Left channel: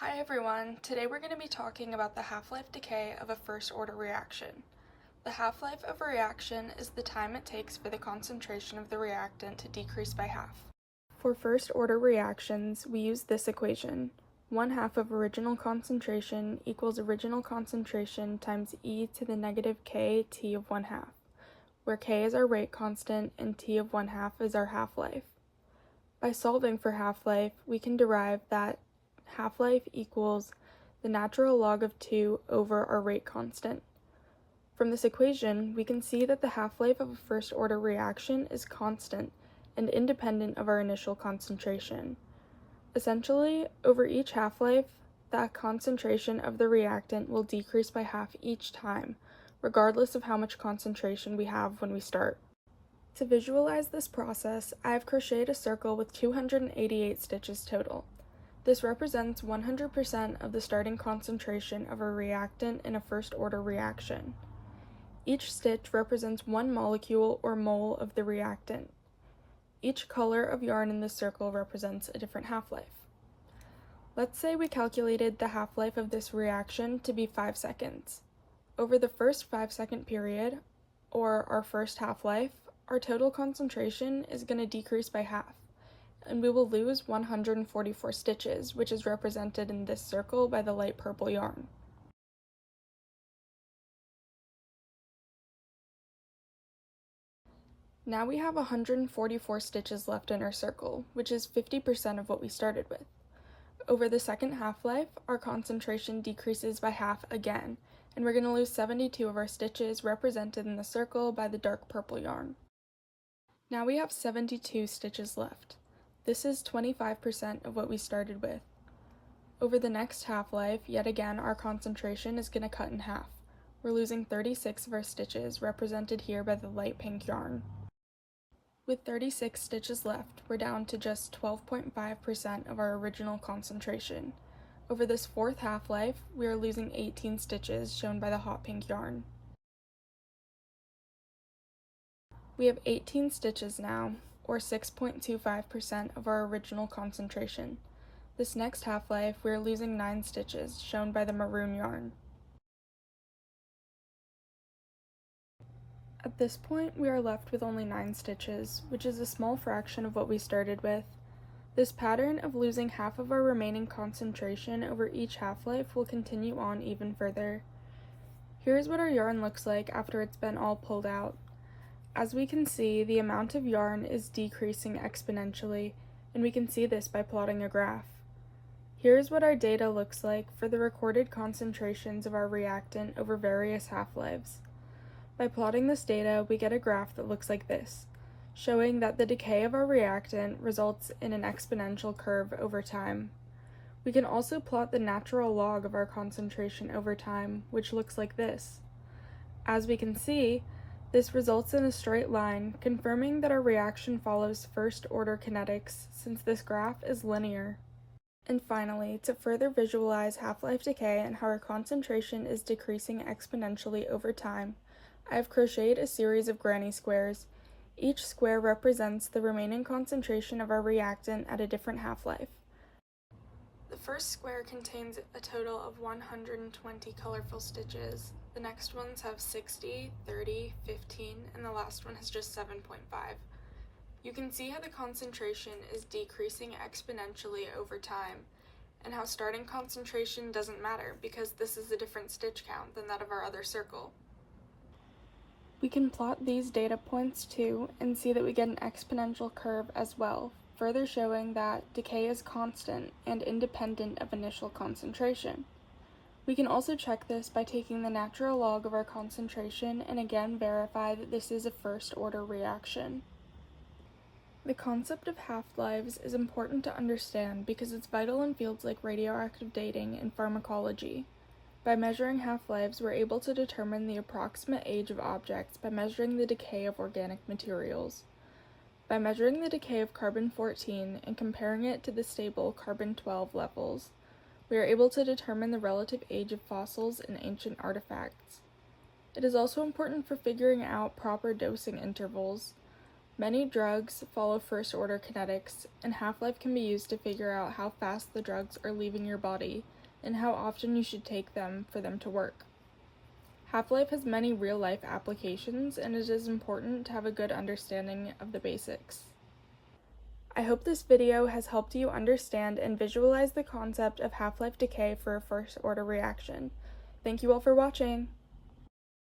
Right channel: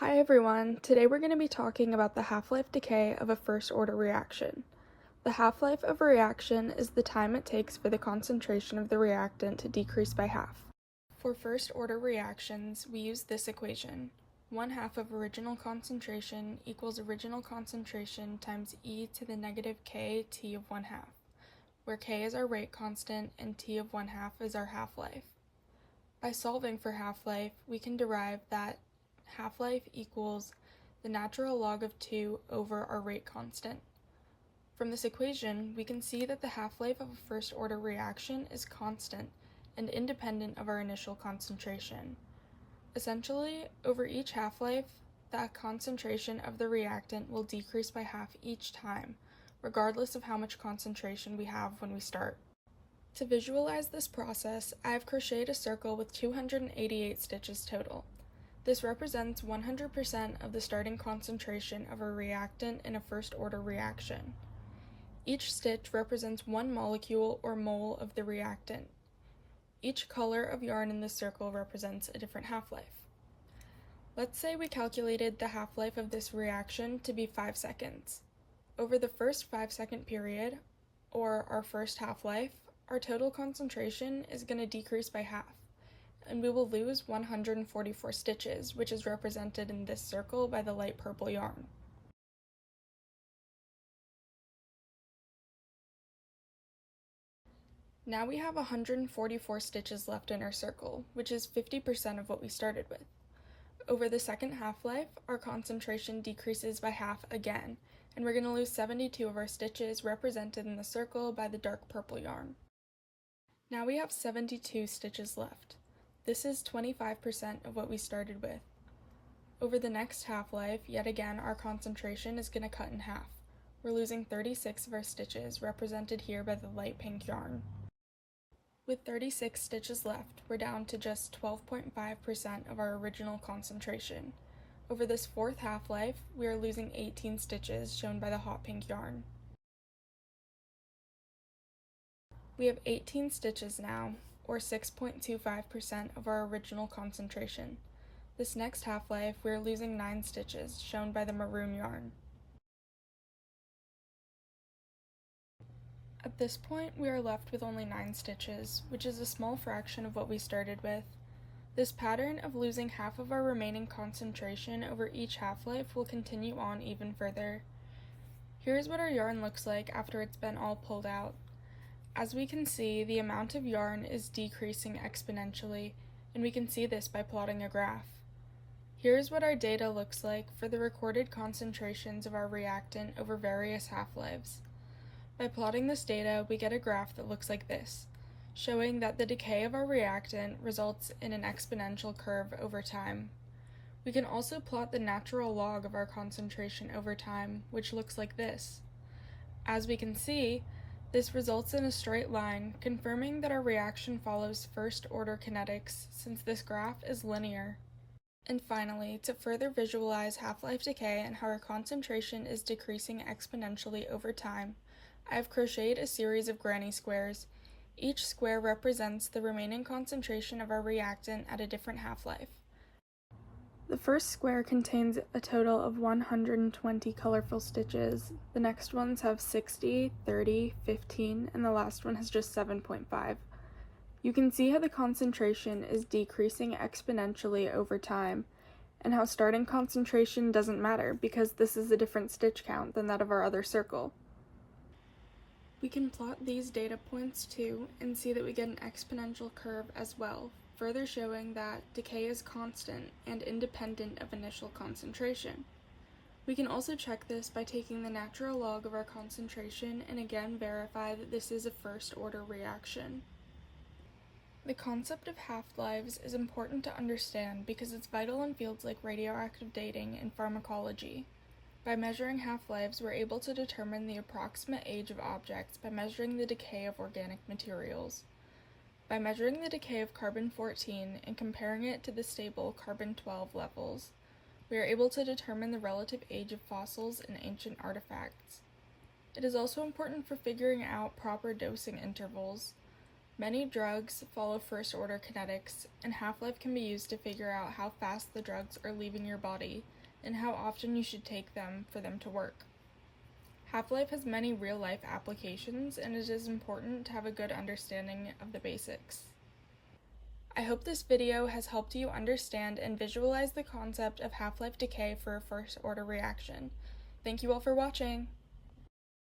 Hi everyone, today we're going to be talking about the half-life decay of a first-order reaction. The half-life of a reaction is the time it takes for the concentration of the reactant to decrease by half. For first-order reactions, we use this equation. 1/2 of original concentration equals original concentration times e to the negative k t of 1/2, where k is our rate constant and t of 1/2 is our half-life. By solving for half-life, we can derive that half-life equals the natural log of 2 over our rate constant. From this equation, we can see that the half-life of a first-order reaction is constant and independent of our initial concentration. Essentially, over each half-life, the concentration of the reactant will decrease by half each time, regardless of how much concentration we have when we start. To visualize this process, I have crocheted a circle with 288 stitches total. This represents 100% of the starting concentration of a reactant in a first-order reaction. Each stitch represents one molecule or mole of the reactant. Each color of yarn in this circle represents a different half-life. Let's say we calculated the half-life of this reaction to be 5 seconds. Over the first 5-second period, or our first half-life, our total concentration is going to decrease by half, and we will lose 144 stitches, which is represented in this circle by the light purple yarn. Now we have 144 stitches left in our circle, which is 50% of what we started with. Over the second half-life, our concentration decreases by half again, and we're going to lose 72 of our stitches represented in the circle by the dark purple yarn. Now we have 72 stitches left. This is 25% of what we started with. Over the next half-life, yet again, our concentration is going to cut in half. We're losing 36 of our stitches, represented here by the light pink yarn. With 36 stitches left, we're down to just 12.5% of our original concentration. Over this fourth half-life, we are losing 18 stitches, shown by the hot pink yarn. We have 18 stitches now, or 6.25% of our original concentration. This next half-life, we are losing 9 stitches, shown by the maroon yarn. At this point, we are left with only 9 stitches, which is a small fraction of what we started with. This pattern of losing half of our remaining concentration over each half-life will continue on even further. Here's what our yarn looks like after it's been all pulled out. As we can see, the amount of yarn is decreasing exponentially, and we can see this by plotting a graph. Here's what our data looks like for the recorded concentrations of our reactant over various half-lives. By plotting this data, we get a graph that looks like this, showing that the decay of our reactant results in an exponential curve over time. We can also plot the natural log of our concentration over time, which looks like this. As we can see, this results in a straight line, confirming that our reaction follows first-order kinetics, since this graph is linear. And finally, to further visualize half-life decay and how our concentration is decreasing exponentially over time, I have crocheted a series of granny squares. Each square represents the remaining concentration of our reactant at a different half-life. The first square contains a total of 120 colorful stitches. The next ones have 60, 30, 15, and the last one has just 7.5. You can see how the concentration is decreasing exponentially over time, and how starting concentration doesn't matter because this is a different stitch count than that of our other circle. We can plot these data points too and see that we get an exponential curve as well, further showing that decay is constant and independent of initial concentration. We can also check this by taking the natural log of our concentration and again verify that this is a first-order reaction. The concept of half-lives is important to understand because it's vital in fields like radioactive dating and pharmacology. By measuring half-lives, we're able to determine the approximate age of objects by measuring the decay of organic materials. By measuring the decay of carbon-14 and comparing it to the stable carbon-12 levels, we are able to determine the relative age of fossils and ancient artifacts. It is also important for figuring out proper dosing intervals. Many drugs follow first-order kinetics, and half-life can be used to figure out how fast the drugs are leaving your body and how often you should take them for them to work. Half-life has many real-life applications, and it is important to have a good understanding of the basics. I hope this video has helped you understand and visualize the concept of half-life decay for a first-order reaction. Thank you all for watching!